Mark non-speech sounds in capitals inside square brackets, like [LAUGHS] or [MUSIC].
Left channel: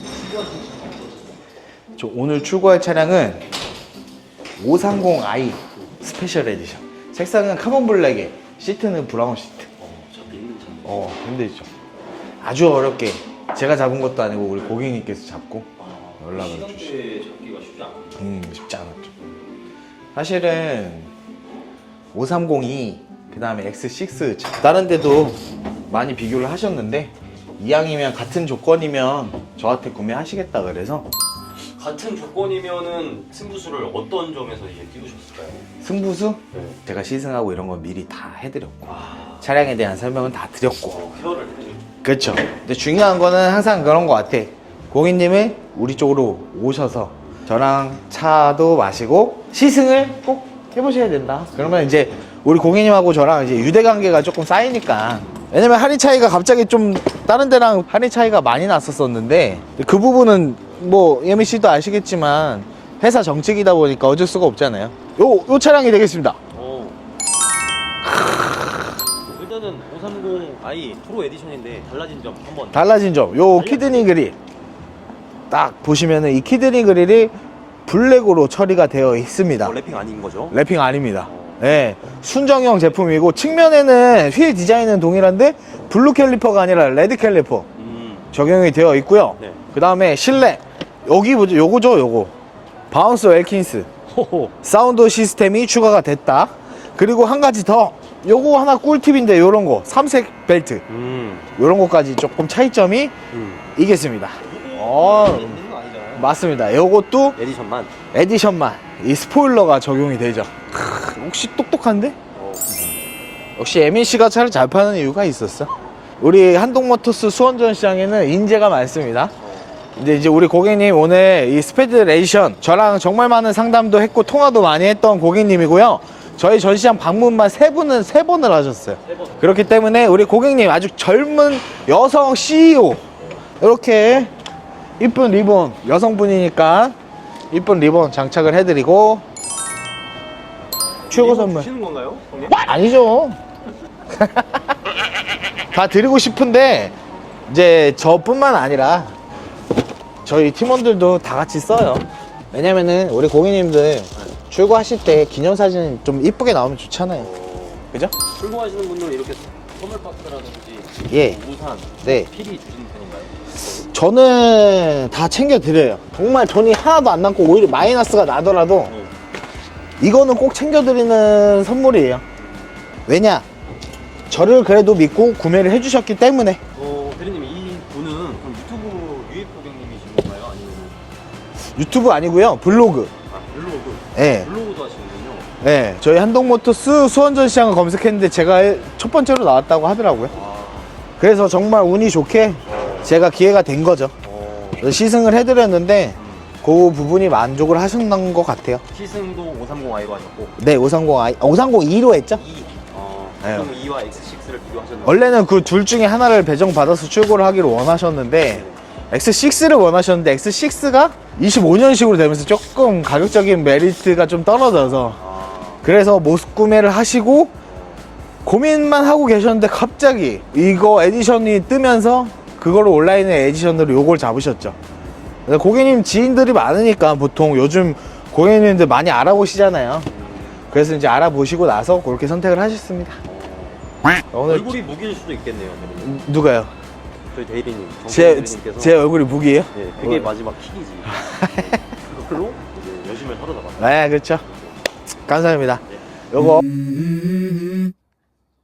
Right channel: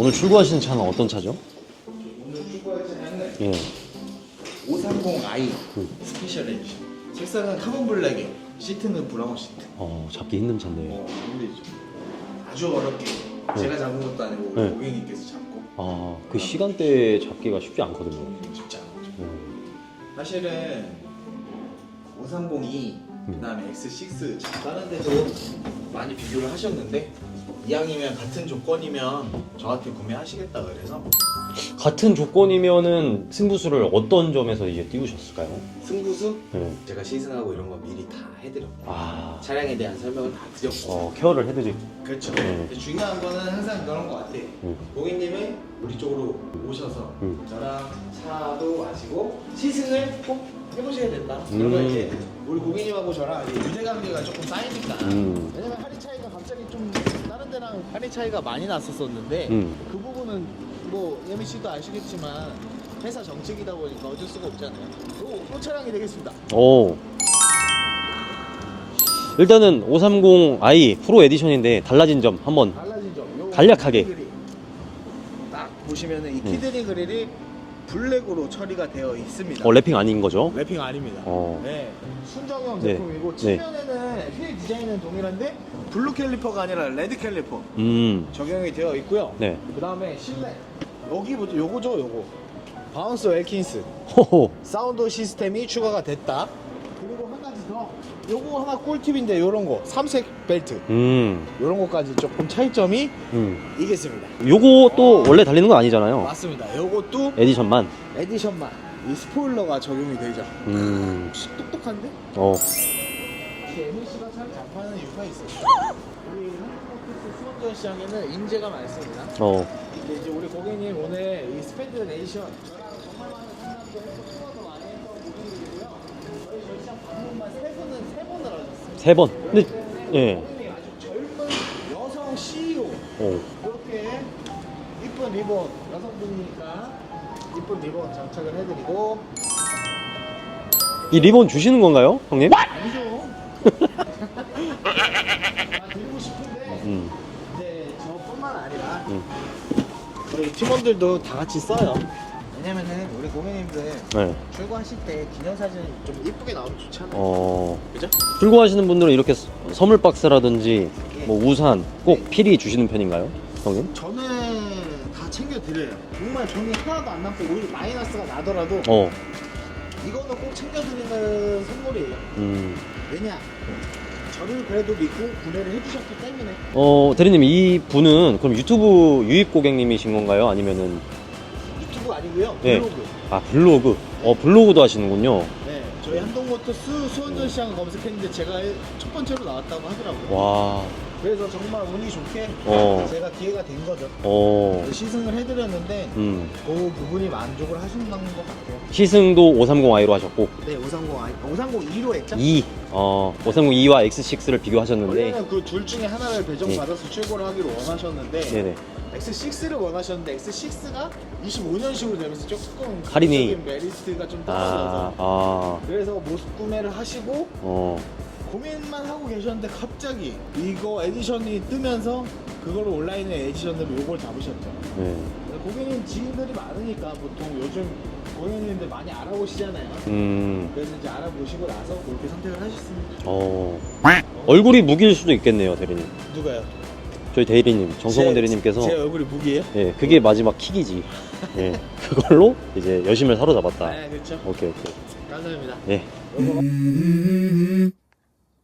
오늘 출고하시는 차는 어떤 차죠? 저 오늘 출고할 차량은 예. 530i 스페셜 에디션. 색상은 카본 블랙에 시트는 브라운 시트. 어, 잡기 힘든 차네요. 어 힘들죠. 아주 어렵게 제가 잡은 것도 아니고 우리 네. 고객님께서 잡고 아, 그 연락을 시간대에 잡기가 쉽지 않거든요. 음, 쉽지 않았죠. 사실은 530이 그다음에 X6 다른 데도 많이 비교를 하셨는데 이왕이면 같은 조건이면 저한테 구매하시겠다 그래서 같은 조건이면은 승부수를 어떤 점에서 이제 띄우셨을까요? 승부수 네. 제가 시승하고 이런 거 미리 다 해드렸고 아, 차량에 대한 설명은 다 드렸고 어, 케어를 해드리고. 그렇죠. 근데 중요한 거는 항상 그런 거 같아. 고객님이 우리 쪽으로 오셔서 음. 저랑 차도 마시고 시승을 꼭 해보셔야 된다. 그러면 음. 이제 우리 고객님하고 저랑 이제 유대 관계가 조금 쌓이니까. 음. 왜냐면 할인 차이가 갑자기 좀 다른 데랑 할인 차이가 많이 났었었는데 음. 그 부분은 뭐 예미 씨도 아시겠지만 회사 정책이다 보니까 어쩔 수가 없잖아요. 요, 요 차량이 되겠습니다. 오. 일단은 530i 프로 에디션인데 달라진 점 한번 달라진 점, 요 간략하게. 키드니 그릴 딱 보시면은 이 키드니 그릴이 블랙으로 처리가 되어 있습니다. 어, 랩핑 아닌 거죠? 랩핑 아닙니다. 어. 네, 순정형 네. 제품이고 측면에는 휠 디자인은 동일한데 블루 캘리퍼가 아니라 레드 캘리퍼 음. 적용이 되어 있고요. 네. 그 다음에 실내 여기 뭐죠? 요거죠, 요거 바운스 웰킨스 호호. 사운드 시스템이 추가가 됐다. 그리고 한 가지 더 요거 하나 꿀팁인데 요런 거 삼색 벨트 음. 요런 거까지 조금 차이점이 음. 있겠습니다. 요것도 어. 원래 달리는 건 아니잖아요. 맞습니다. 요것도 에디션만. 에디션만 이 스포일러가 적용이 되죠. 음. 혹시 똑똑한데? 어. 역시 에민 씨가 차를 잘 파는 이유가 있었어. 우리 한동모터스 수원전 시장에는 인재가 많습니다. 어. 이제 이제 우리 고객님 오늘 이 스페드 레이션 저랑 정말 많은 상담도 했고 통화도 많이 했던 고객님이고요. 저희 전시장 방문만 세 분은 세 번을 하셨어요. 세 번. 그렇기 때문에 우리 네. 고객님 아주 젊은 여성 CEO 어. 이렇게 이쁜 리본 여성분이니까 이쁜 리본 장착을 해드리고 이 리본. 주시는 건가요, 형님? 아니죠. [LAUGHS] 다 드리고 싶은데 음. 이제 저뿐만 아니라 저희 팀원들도 다 같이 써요. 왜냐면은 우리 고객님들 네. 출고하실 때 기념사진 좀 이쁘게 나오면 좋잖아요. 어. 그죠? 출고하시는 분들은 이렇게 서- 선물 박스라든지 예. 뭐 우산, 꼭 네. 필히 주시는 편인가요, 형님? 저는 다 챙겨드려요. 정말 돈이 하나도 안 남고 오히려 마이너스가 나더라도 어. 이거는 꼭 챙겨드리는 선물이에요. 음. 왜냐? 저를 그래도 믿고 구매를 해주셨기 때문에 어, 대리님 이 분은 그럼 유튜브 유입 고객님이신 건가요? 아니면은 유튜브 아니고요 블로그. 아 블로그. 네. 어, 블로그도 하시는군요. 네, 저희 한동모터스 수원전 시장을 검색했는데 제가 첫 번째로 나왔다고 하더라고요. 와. 그래서 정말 운이 좋게 어. 제가 기회가 된 거죠. 어. 시승을 해드렸는데 음. 그 부분이 만족을 하셨는 것 같아요. 시승도 530i로 하셨고 네, 530i, 530e로 했죠? 2. 어. 네. 530i와 X6를 비교하셨는데 원래는 그 둘 중에 하나를 배정받아서 출고를 하기를 원하셨는데 네네. X6를 원하셨는데 X6가 25년식으로 되면서 조금 가격적인 메리트가 좀 떨어져서 아. 그래서 못 구매를 하시고 어. 고민만 하고 계셨는데 갑자기 이거 에디션이 뜨면서 그거를 온라인에 에디션으로 요걸 잡으셨죠. 네. 근데 고객님 지인들이 많으니까 보통 요즘 고객님들 많이 알아보시잖아요. 음. 그래서 이제 알아보시고 나서 그렇게 선택을 하셨습니다. 어. 오늘 얼굴이 무기일 수도 있겠네요, 대리님. 누가요? 저희 대리님, 정성 제, 대리님께서 제 얼굴이 무기예요? 네, 그게 뭐? 마지막 킥이지. [LAUGHS] 네, 그걸로 이제 여심을 사로잡았다. 네, 그렇죠. 오케이, 오케이. 감사합니다. 네. 요거